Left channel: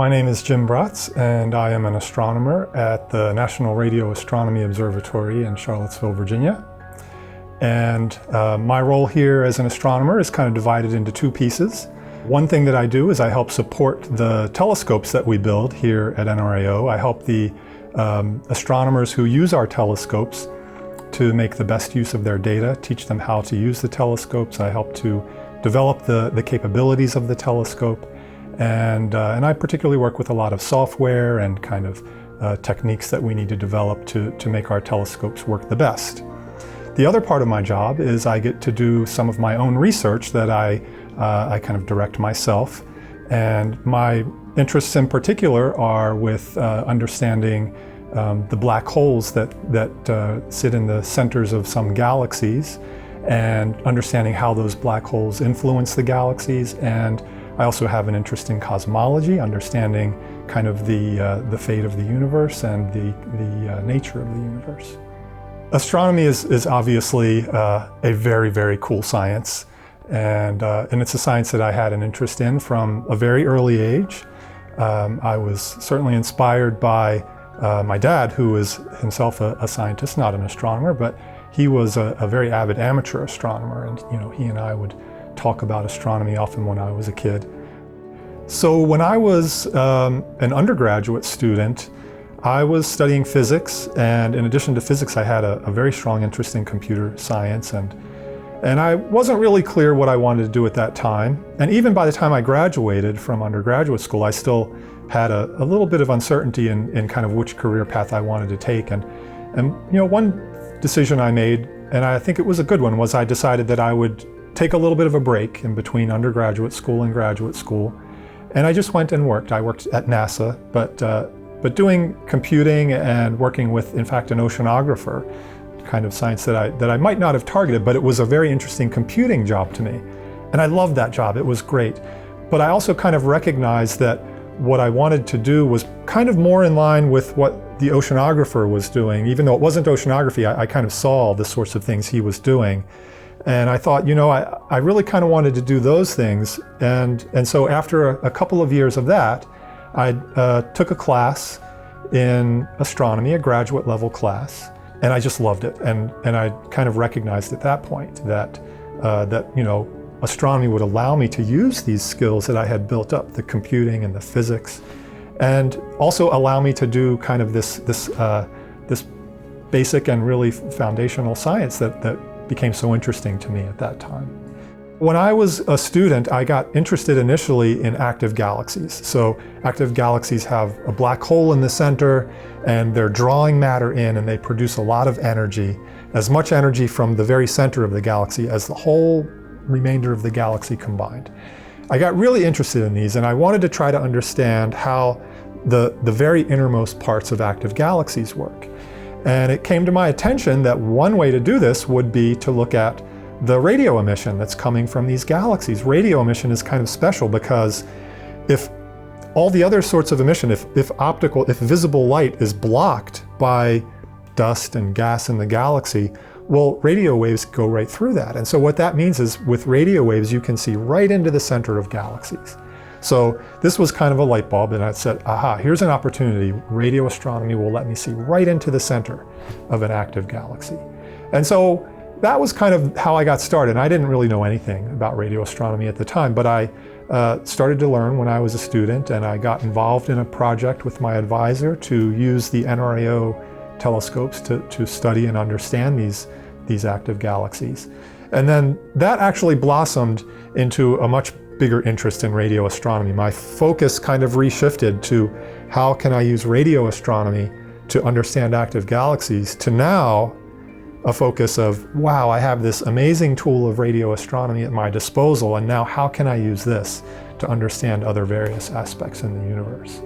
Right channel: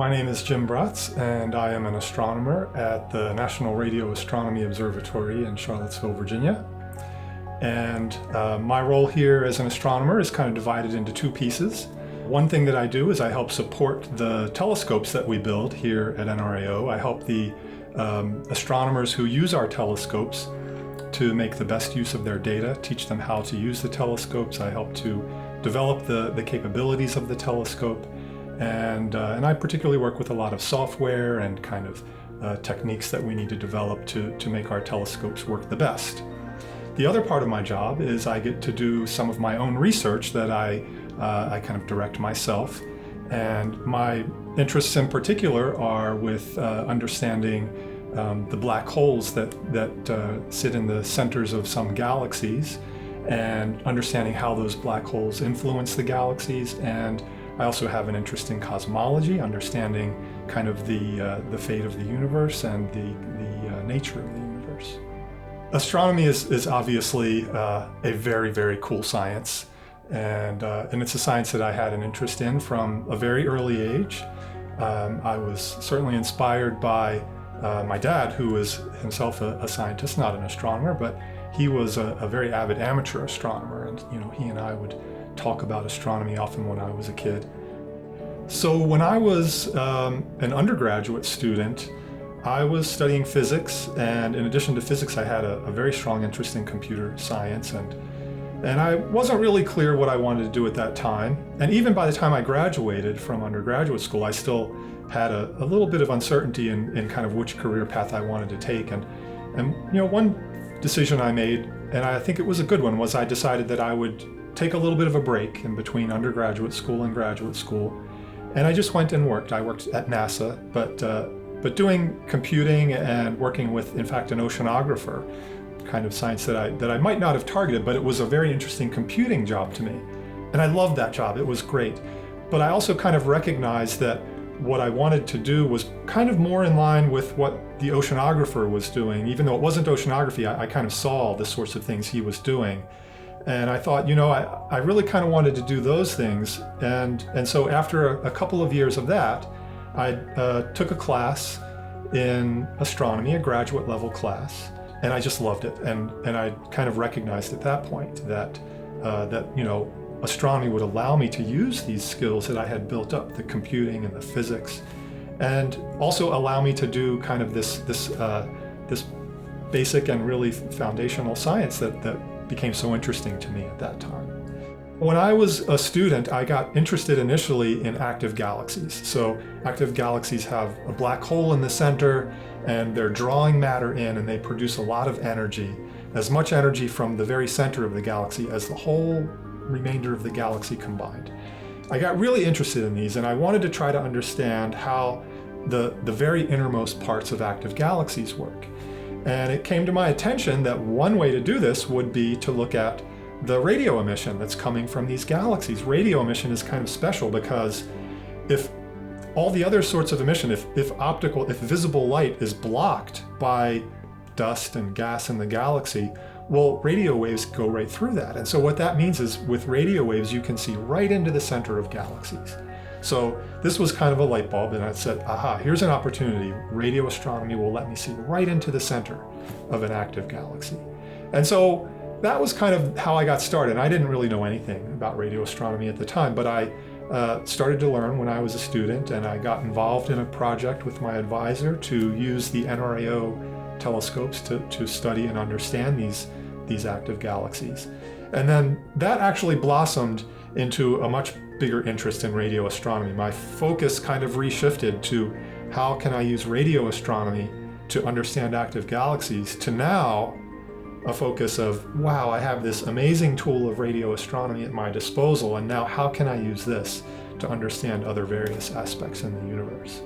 My name is Jim Braatz, and I am an astronomer at the National Radio Astronomy Observatory in Charlottesville, Virginia. And my role here as an astronomer is kind of divided into two pieces. One thing that I do is I help support the telescopes that we build here at NRAO. I help the astronomers who use our telescopes to make the best use of their data, teach them how to use the telescopes. I help to develop the capabilities of the telescope. And I particularly work with a lot of software and kind of techniques that we need to develop to make our telescopes work the best. The other part of my job is I get to do some of my own research that I kind of direct myself. And my interests in particular are with understanding the black holes that sit in the centers of some galaxies, and understanding how those black holes influence the galaxies. And I also have an interest in cosmology, understanding kind of the fate of the universe and the nature of the universe. Astronomy is obviously a very, very cool science, and it's a science that I had an interest in from a very early age. I was certainly inspired by my dad, who was himself a scientist, not an astronomer, but he was a very avid amateur astronomer, and he and I would talk about astronomy often when I was a kid. So when I was an undergraduate student, I was studying physics, and in addition to physics, I had a very strong interest in computer science, and I wasn't really clear what I wanted to do at that time. And even by the time I graduated from undergraduate school, I still had a little bit of uncertainty in kind of which career path I wanted to take. And one decision I made, and I think it was a good one, was I decided that I would take a little bit of a break in between undergraduate school and graduate school. And I just went and worked. I worked at NASA, but doing computing and working with, in fact, an oceanographer, kind of science that I might not have targeted, but it was a very interesting computing job to me. And I loved that job. It was great. But I also kind of recognized that what I wanted to do was kind of more in line with what the oceanographer was doing. Even though it wasn't oceanography, I kind of saw the sorts of things he was doing. And I thought, I really kind of wanted to do those things. And so after a couple of years of that, I took a class in astronomy, a graduate level class, and I just loved it. And I kind of recognized at that point that astronomy would allow me to use these skills that I had built up, the computing and the physics, and also allow me to do kind of this basic and really foundational science that became so interesting to me at that time. When I was a student, I got interested initially in active galaxies. So active galaxies have a black hole in the center, and they're drawing matter in, and they produce a lot of energy, as much energy from the very center of the galaxy as the whole remainder of the galaxy combined. I got really interested in these, and I wanted to try to understand how the very innermost parts of active galaxies work. And it came to my attention that one way to do this would be to look at the radio emission that's coming from these galaxies. Radio emission is kind of special because if all the other sorts of emission, if visible light is blocked by dust and gas in the galaxy, well, radio waves go right through that. And so what that means is with radio waves, you can see right into the center of galaxies. So this was kind of a light bulb, and I said, aha, here's an opportunity. Radio astronomy will let me see right into the center of an active galaxy. And so that was kind of how I got started. I didn't really know anything about radio astronomy at the time, but I started to learn when I was a student, and I got involved in a project with my advisor to use the NRAO telescopes to study and understand these active galaxies. And then that actually blossomed into a much bigger interest in radio astronomy. My focus kind of reshifted to how can I use radio astronomy to understand active galaxies, to now a focus of, wow, I have this amazing tool of radio astronomy at my disposal, and now how can I use this to understand other various aspects in the universe?